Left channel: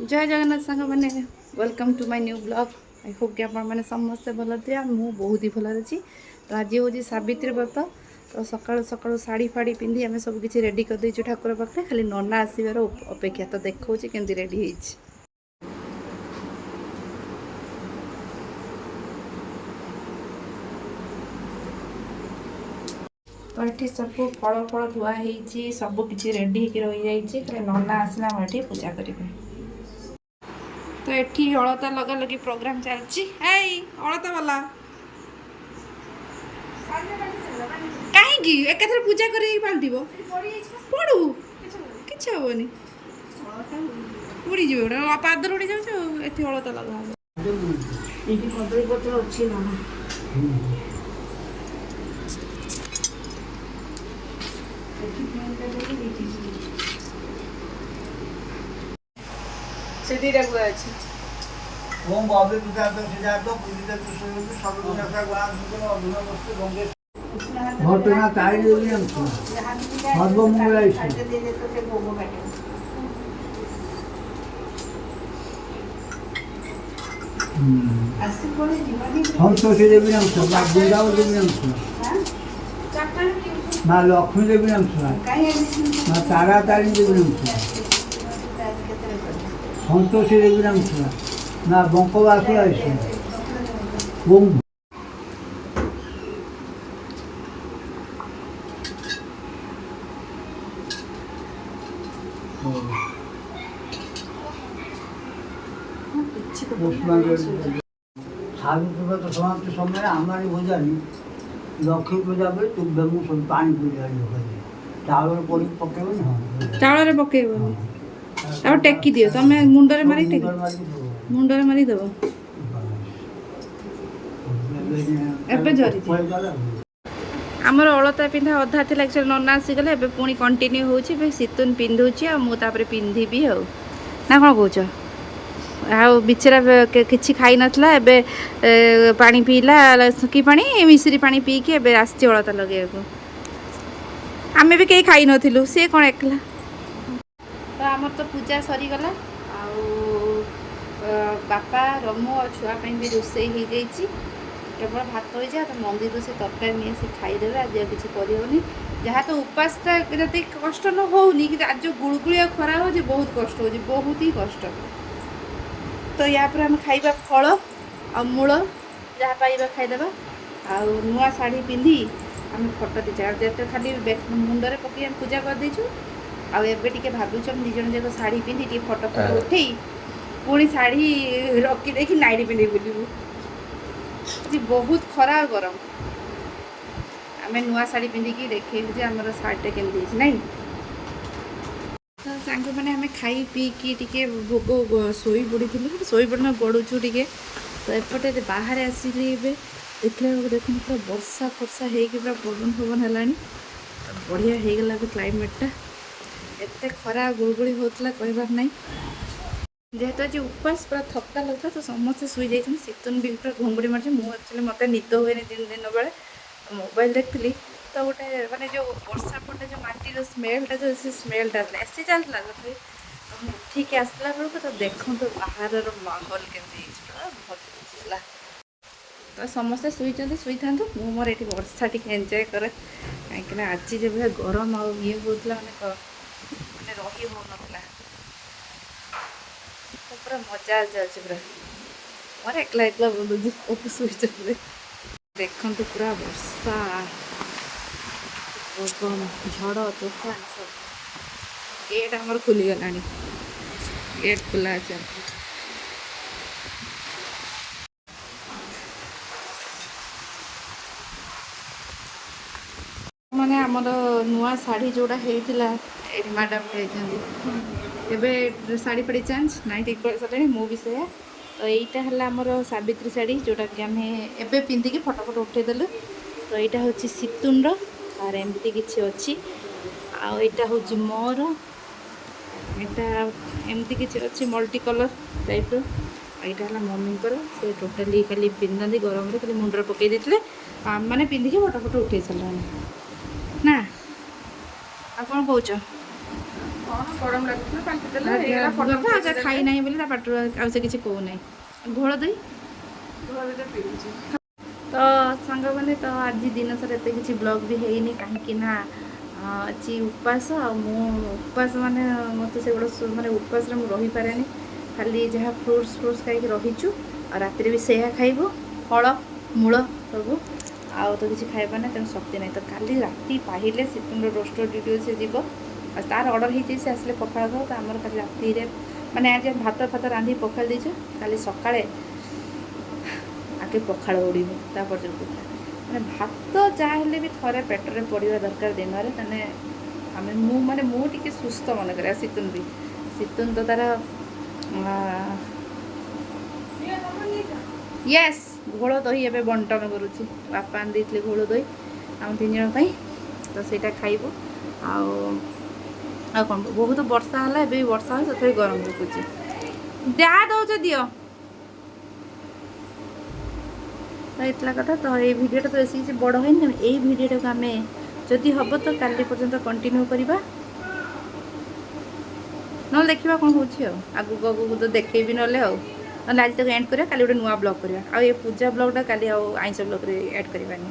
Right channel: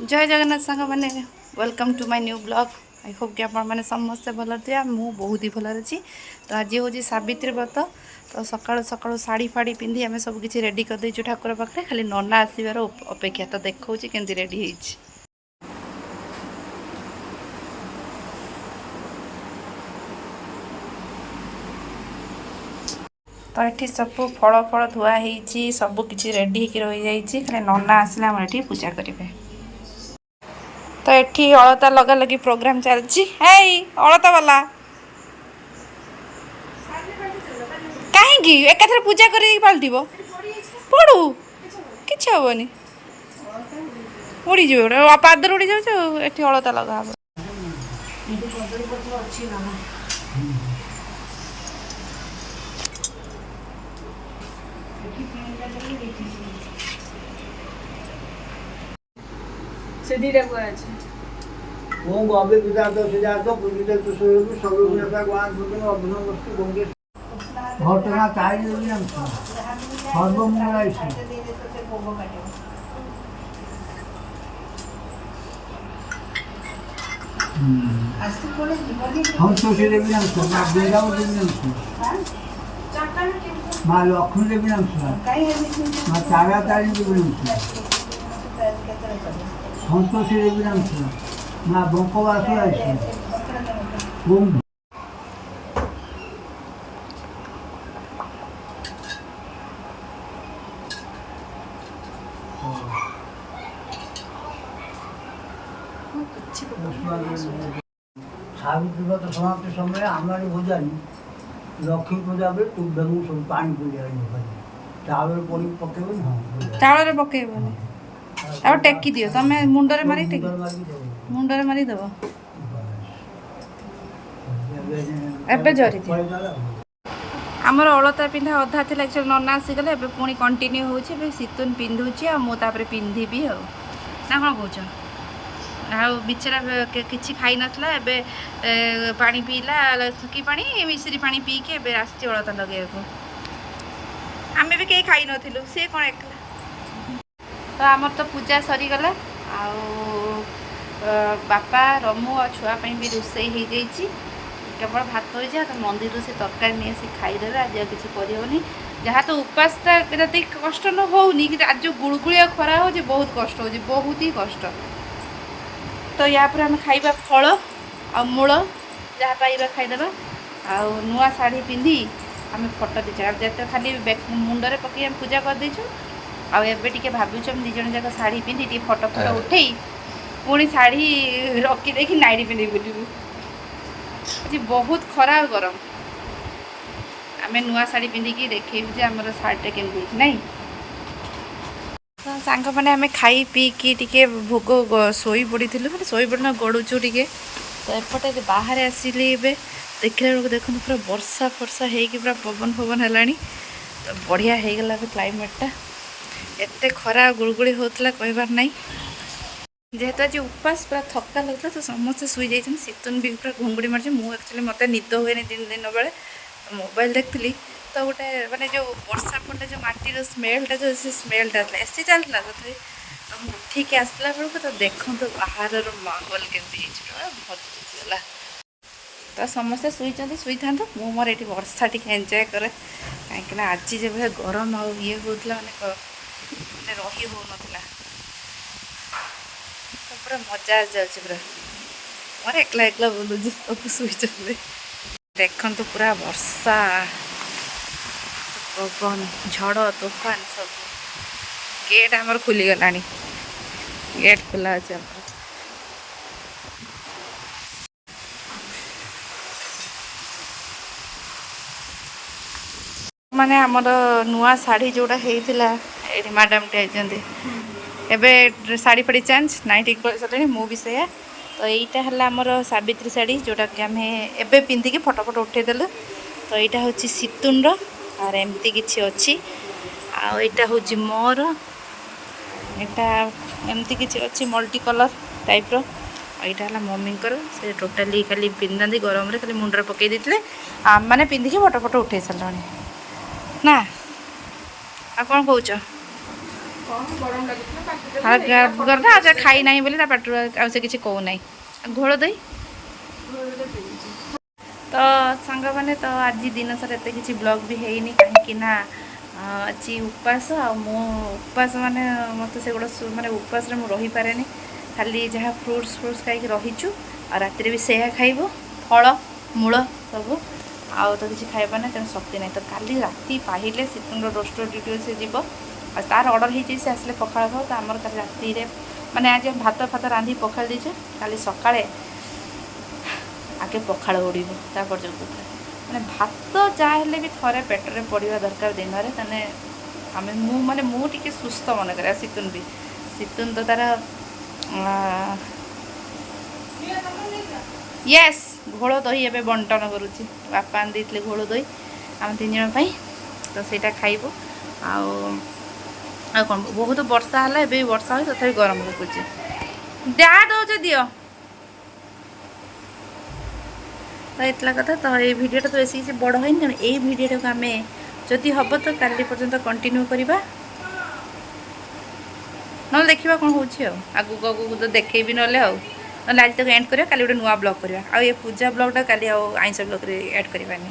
जय जगन्नाथ सांग मैंने welcome to my new blog. I hope कि आपण मैंने समस्ते भल थे मु बहुत ही भल अच्छी। तो आज हूँ सावित्री व्रत। तो सकाळु सकाळु शाढ़ी फाड़ी पिंधि आम सब किसी रेडी कर देचु ठाकुर पाखे खाली नना आसबार अपेक्षा। तो देखा केमती रेडी होइछि। तो ये सब फल फल धुआ हो सब किसी रेडी हो रही जाइए खाली नना आसला आम ये पूजा करेंगे। तो ये अलता लगा लगी प्रोग्राम चलती अलता वाला कहीं एकाथरे पूजा कर पलट पड़ू कि हेनी उड़ी जाए पादर उड़ी जाऊँ ये अलता लगा ओम बाबे विदात सिद्धार्थ पूजित कुशल सर्वज्ञता गुण सुंदर अभिनव वस्तु गंगे घटना ताई देवी हम सर्वमंगल संतोषी देवी नाम सुना दुर्गावती देवी नाम सुना माँ लक्ष्मी देवी नाम सुना माँ तारा तारिणी देवी नाम सुना संतोषी देवी नाम सुना ना बंकवास ओम सावित्री व्रत समाप्ति समय हमारी भोजानी लक्ष्मी पूजा बेले तुभ्यमु सब पानी पीड़े चावल पड़ी पकेबनी चावल पकेबनी अब टेकी दियो तमें मुंडरे मारी टेकी मुंडरे मारी देव एबे झरी आमर अलता पिंधा अधा थी एक्चुअली नना आसीगले एबे पुणी कंटिन्यू होची एबे सितुन पिंधुची आ मु तापरे पिंधिबी हो ना कोन कहउछ आ बिचरा किछि खाई नथला एबे पानी पीला सुकी पानी मिश्री पानी पी के एबे आस्ती अलता लगे को आमे भी कहीं खाई नथिलु से कोन एकला। तो आमर तो पूजा सरी गला बापा रमु और छुआपाई भी रोषे हो जाइए केवल भात हो जाए तो मंदिर से तरकारी नहीं आसी खाईदे आज किसी करनी जहाँ तो उपासटा जब कष्ट न होनी कि आज जो गुड़गुड़िया खरा हो बहुत कष्ट हो बहुत ही कष्ट। तो या पर आम खाइबा फल आ मूल जहाँ पाइबा खाईदेबा आ नुआ शाढ़ी पिंधि आम फोटो दीचे जिते खाली मुंडरे पकई आम पूजा कर देचु आबे टिके भावुँ हम दिज जाक शाढ़ी पिंधि टे फोटो फोटो उठे पुणी शाढ़ी रखी देखी नाइटी पिंधि बुलू आज बहुत खरा गरम आम नुआ शाढ़ी पिंधिकी देखेबू आमर शाढ़ीटा केमती नहीं। तो सांग मैंने आम खाई पीकी टिके भोग शोई पड़ी खाली शोई पड़ना गड़ुचु टिके। तो एपटे बाहर आसिली ए देखला बेलू देखो पूरा वर्षा फर्षा होगी पूरा पवन फवन है तो बढ़िया हो गला क्लाइमेटा एते खरा गुड़गुड़ी होता कहबार नहीं जेहेतु आज उपास पूरा थका लगता तो समस्ते शुई जाइए शीतुन भी पूरा घुंगुड़ी मार्च मुझे एक्चुअली मत निद हुए दिन दिन बेले मोबाइल देखी तो गोटे मानने जो वर्षा पड़े जो माटीर स्मेलटा जो से स्मेलटा एसी चलता तो उठिक आसला बेलू तो देखो तो बाहर माहौल केमती भलगला। तो समस्ते शुई था मुझे मोर ये वर्षा टी एंजय करे कहीं आज जब गरम आ ये होता मैंने रही हो ना तो पूरा मजा आ जाए पूरा मोर एकला एकला बोलूँ सब शुई देखु तो पूरा वर्षा पवन झड़ तूफान सब गेट आमर खुली गला गेट खुला अच्छे माने आमर नुआ शाढ़ी जोड़ा होता ये मैडम टे एबे शाढ़ी फाड़ी चेंज नाइट कर सारे मुझे से तो यहीटा है आमर सावित्री शाढ़ी जोटा कि आम एबे पिंधिकी फटो फटो उठेदेलु। तो यहाँ हूँ सितुन और एमती किसी अच्छी आईटा हूँ मोर यहाँ एमती किसी अच्छी मल्टी कलर टाइप यहाँ है मम्मी से टोटाली खाली पिंधा गरम खाली मुंडे पकई देते आम मैंने पिंधिकी फटो फटो उठे सारे ना आ कौन कौच ଆଉ ଖାଇ ନାହିଁ ବୋଲି ତା ପାଟିରୁ ଆଉ ସେ କିଛି କହୁନାହିଁ। ଘୋଳ ଦହି ତ ସାଙ୍ଗମାନେ ତ ଆଜି ଦିନ ସାରା ଏତେ କିଛି ବ୍ଲଗ୍ ବି ହେଇନି କାହିଁକି ନା ଆଜି ଉପାସ ଆଉ ମୁଁ ଉପାସ ମାନେ ମୋତେ ସେଗୁଡ଼ା ମାନେ ଉପାସରେ ମୁଁ ରହିପାରେନି। ଖାଲି ଯାହା ଫ୍ରୁଟ୍ସ ଖାଇକି ରହିଛୁ ଆଉ ରାତିରେ ବି ସେୟା ଖାଇବୁ ଫଳ ମୂଳ ସବୁ ଆଉ ତ କିଛି ଖାଇବା ନାହିଁ ତେଣୁ ଶକ୍ତି ନାହିଁ। ତ କାଲି ରାତି ପାହିଲେ ଶୀତୁର ରୋଷ୍ଟର ଡ୍ୟୁଟି ସେ ଯିବ ଆଉ ତାର ଅର୍ଡ଼ର ହେଇଛି ସେ ଆସିଲେ ପଖାଳ ଖାଉ। ତ ଆମର କାଲି ରାତିରେ ମାନେ ଆଜି ଭାତ ରାନ୍ଧି ପଖାଳି ଦେଇଛୁ। କାଲି ସକାଳେ ଆଗେ ପଖାଳ ଉଡ଼ିବ ତାପରେ ଯୋଉ କଥା ମାନେ ଭାତ ଯାହା ହେଲେ ବି ଥରେ ପେଟରେ ପଡ଼ିବା ଦରକାର ଦିନରେ। ମାନେ ମୁଁ ଟିକେ ସୁସ୍ଥ ମନେ କରେ ଆଉ ଶୀତୁନ ତ ତାର ୟେସ୍ ଘୋଳ ଦହି ଏବେ ବଣ୍ଟନ କରୁଛି। ବାପା ଆଣି ଦେଇଥିଲେ ଘୋଳ ଦହି ଆମ 3 ଜଣ ପାଇଁ ତ ସେଇଟା ଖାଇବୁ। ଆଉ କ'ଣ ବହୁତ ବର୍ଷା ହେଲା ଏବେ ବି ବର୍ଷା ହେଉଛି ତଥାପି ଗରମ ଲାଗୁଛି। ଯାହା ଦେଉଛ ଦିଅ। ତ ଏତଲା କଥା ତ ଏଇ ଭିଡ଼ିଓଟା ତ ବେଶୀ କିଛି ବଡ଼ ହେଇନି ତେଣୁ ଏଇ ଭିଡ଼ିଓଟାକୁ ଆମେ ଯଦି ହେବ ତ କାଲି ପର୍ଯ୍ୟନ୍ତ କଣ୍ଟିନ୍ୟୁ କରିବା ନହେଲେ ଦେଖିବା କ'ଣ ହେଉଛି ଆଉ ଆଗକୁ ତ ଦେଖେଇବି ନହେଲେ ଆଜି ତାକୁ ଏଣ୍ଡ କରିବା। କାଲି ଗୋଟେ ନୂଆ ବ୍ଲଗ୍ କରିବା ଆଉ ଏ ପୂଜା ବ୍ଲଗ୍ଟା କାଲି ଆଉ ଆଇଁଷ ବ୍ଲଗ୍ରେ ଆଡ଼୍ କରିବାନି।